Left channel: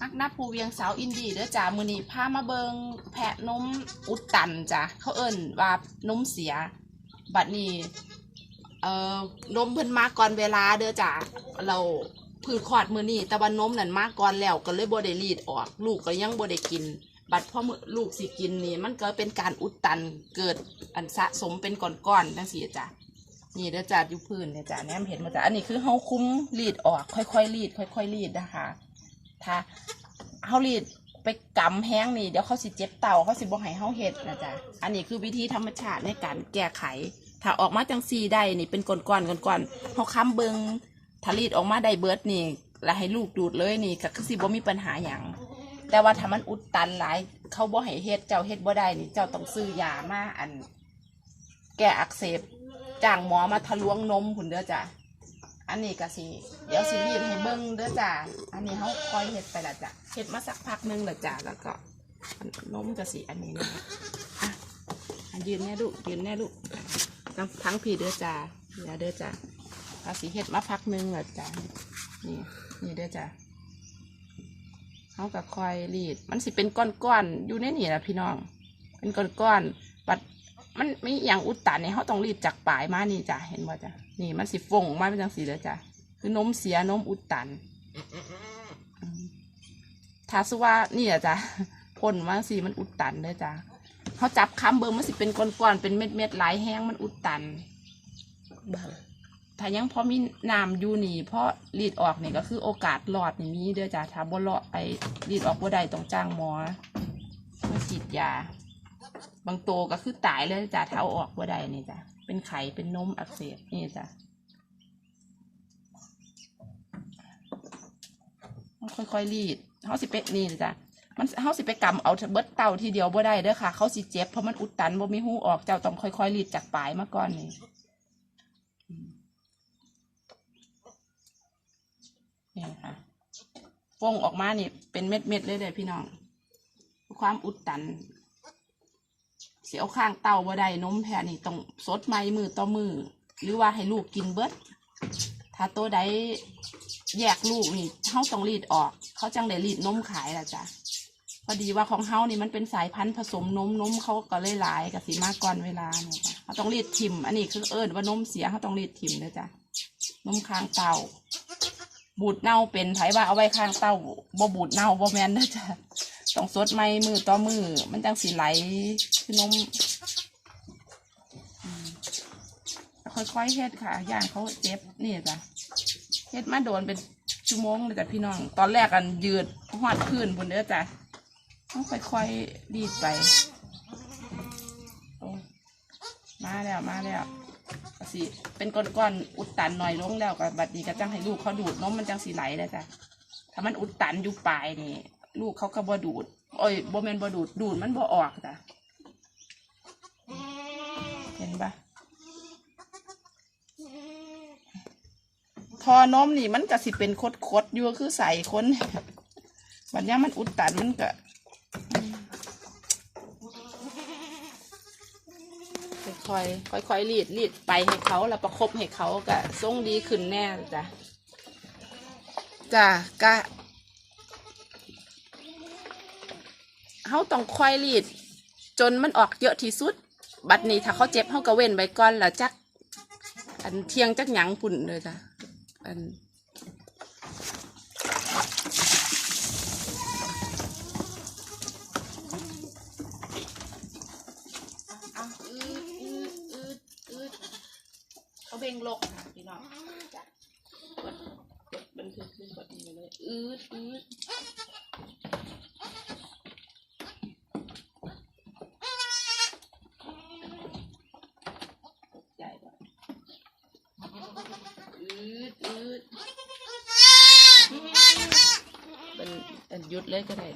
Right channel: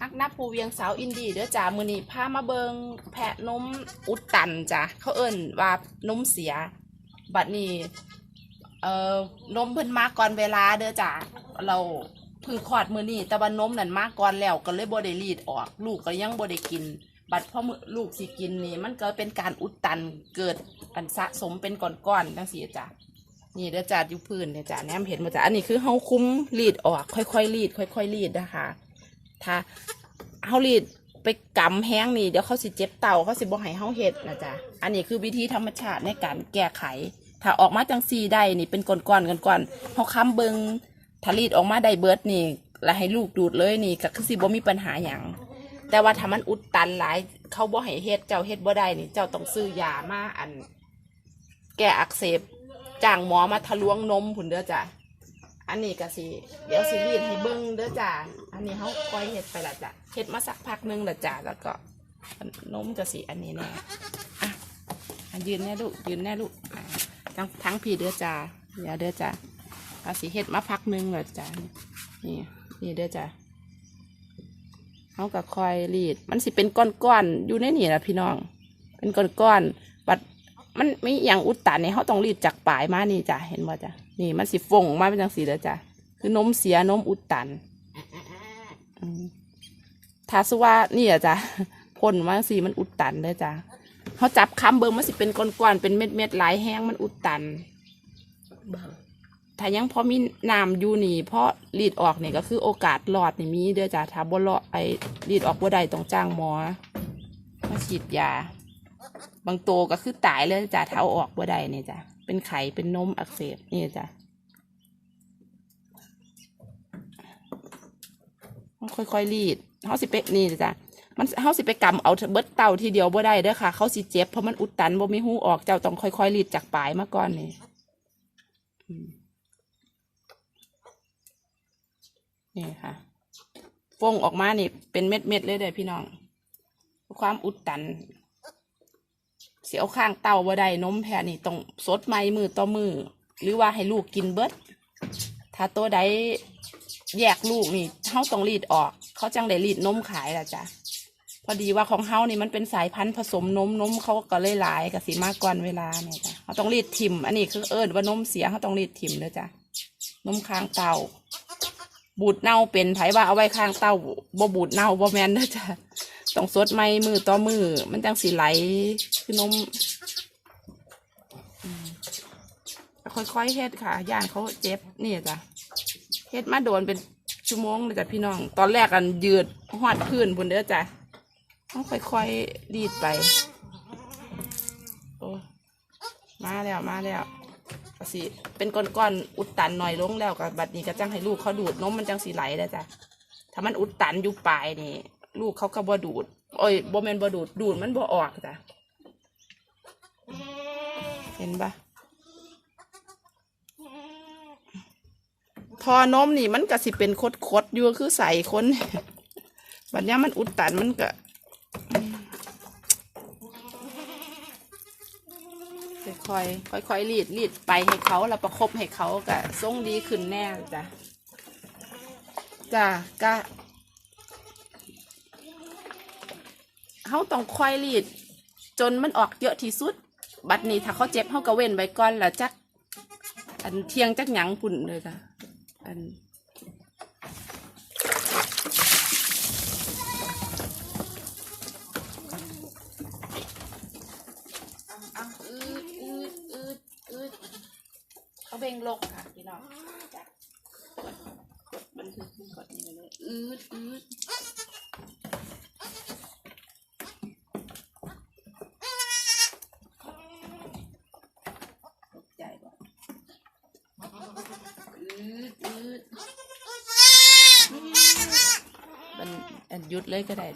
ฮักนับภูเวียงสาวอินดีเด้อจ้ามือนี้พามาเบิงแพะนมอุดตันจ้ะเขาเอิ้นว่านมเสีย บัดนี้ เอ่อนมเพิ่นมาก่อนเวลาเด้อจ้าเราพิ่งคลอดมือนี้แต่ว่านมนั่นมาก่อนแล้วก็เลยบ่ได้รีดออก ลูกก็ยังบ่ได้กิน บัดพ่อมือลูกสิกินนี่ มันก็เป็นการอุดตันเกิดอันสะสมเป็นก้อนๆจังซี่จ้ะนี่เด้อจ้าอยู่พื้นเด้อจ้าแนมเห็นมาจ้าอันนี้คือเฮาคุ้มรีดออก ค่อยๆรีด ค่อยๆรีดนะคะ ถ้าเฮารีดไปกำแห้งนี่เดี๋ยวเขาสิเจ็บเต่าเขาสิบ่ให้เฮาเฮ็ดนะจ๊ะอันนี้คือวิธีธรรมชาติในการแก้ไข ถ้าออกมาจังซีได้นี่เป็นก้อนๆก้อนๆเฮาค้ำเบิงถ้ารีดออกมาได้เบิดนี่แล้วให้ลูกดูดเลยนี่ก็คือสิบ่มีปัญหาหยังแต่ว่าถ้ามันอุดตันหลายเขาบ่ให้เฮ็ดเจ้าเฮ็ดบ่ได้นี่เจ้าต้องซื้อยามาอัน แก้อักเสบจ้างหมอมาทะลวงนมผุนเด้อจ้ะ อันนี้ก็สิเดี๋ยวสิรีดให้เบิ้งเด้อจ้ะอันนี้เขาคอยเห็ดไปละจ้ะเห็ดมาสักพักหนึงละจ้ะแล้วก็นมก็สิอันนี้นะอะอะยืนแน่ลูกยืนแน่ลูกทั้งทั้งพี่เด้อจ้ะเดี๋ยวเด้อจ้ะเอาสิเห็ดมาพักหนึงละจ้ะนี่นี่เด้อจ้ะเขาก็คอยรีด มันสิเป็นก้อนๆอยู่ในนี่แหละพี่น้อง เป็นก้อนๆ มันไม่อย่างอุดตันเนี่ยเขาต้องรีดจากปลายมานี่จ้ะเห็นบ่จ้ะนี่มันสิฟงมาเป็นจังสีแล้วจ้ะคือนมเสียนมอุดตันถ้าสว่านี่อะจ้ะพ่นมาสีมันอุดตันเลยจ้ะเขาจับคำเบอร์มันสิเป็นก้อนๆเป็นเม็ดเม็ดหลายแห้งมันอุดตันเบิ่งถ้ายังพอมีน้ำอยู่นี่เพราะรีดออกเนี่ยก็คือโอกาสรอดนี่มีเด้อจ้ะถ้าบ่รอดไอ้รีดออกบ่ได้ต้องจ้างหมอมาฉีดยา บางตัวก็คือตายเลยจ้ะเท้าออกบ่ได้เนี่ยจ้ะเป็นไข่เป็นนมอักเสบนี่จ้ะค่อยๆรีดเขาสิไปนี่จ้ะมันเขาสิไปกำเอาเบิดเต่าทีเดียวบ่ได้เด้อค่ะ เขาสิเจ็บเพราะมันอุดตันบ่มีหูออกเจ้าต้องค่อยๆรีดจากปลายมาก่อนนี่นี่ค่ะฟงออกมานี่เป็นเม็ดๆเลยเด้อพี่น้องความอุดตัน สียวข้างเตาบ่ได้นมแพะนี่ต้องสดไหมมือต่อมือ หรือว่าให้ลูกกินเบิดถ้าตัวใดแยกลูกนี่เฮาต้องรีดออก เขาจังได้รีดนมขายล่ะจ้ะพอดีว่าของเฮานี่มันเป็นสายพันธุ์ผสมนมนมเขาก็เลยหลายกับสีมากก่อนเวลาเนี่ยจ้ะเขาต้องรีดทิมอันนี้คือเอิญว่านมเสียเขาต้องรีดทิมเลยจ้ะนมค้างเตาบูดเน่าเป็นไผว่าเอาไว้ข้างเตาบ่บูดเน่าบ่แมนเด้อจ้ะ ต้องสดไหมมือต่อมือ มันจังสีไหลคือนมค่อยๆเฮ็ดค่ะย่านเขาเจ็บนี่จ้ะเฮ็ดมาโดนเป็นชั่วโมงเลยจ้ะพี่น้อง ตอนแรกกันยืดหอดพื้นบนเด้อจ้ะต้องค่อยๆรีดไปโอ้มาแล้วมาแล้วสิเป็นก้อนๆอุดตันหน่อยลงแล้วก็บัดนี้ก็จังให้ลูกเขาดูดนมมันจังสีไหลเลยจ้ะถ้ามันอุดตันอยู่ปลายนี่ ลูกเขาก็บ่ดูดโอ้ยบ่แมนบ่ดูดดูดมันบ่ออกจ้ะเห็นปะทอนมนี่มันก็สิเป็นคดคดๆอยู่คือใส่คนบัดเนี้ยมันอุดตันมันก็ค่อยๆค่อยรีดรีดไปให้เขาแล้วประคบให้เขาก็ทรงดีขึ้นแน่จ้ะจ้ะก็ เขาต้องคอยรีด จนมันออกเยอะที่สุด บัดนี้ถ้าเขาเจ็บเขาก็เว้นไว้ก่อนแล้วจัก อันเที่ยงจักหยังปุ่นเลยจ้ะอันเอาอืดอืดอืดเขาเบ่งลกค่ะพี่น้องกดกดบันทึกกดนี่เลยอืดอืด ตกใจก่อนอืดอืดเป็นอันห ยุดเลยก็ได้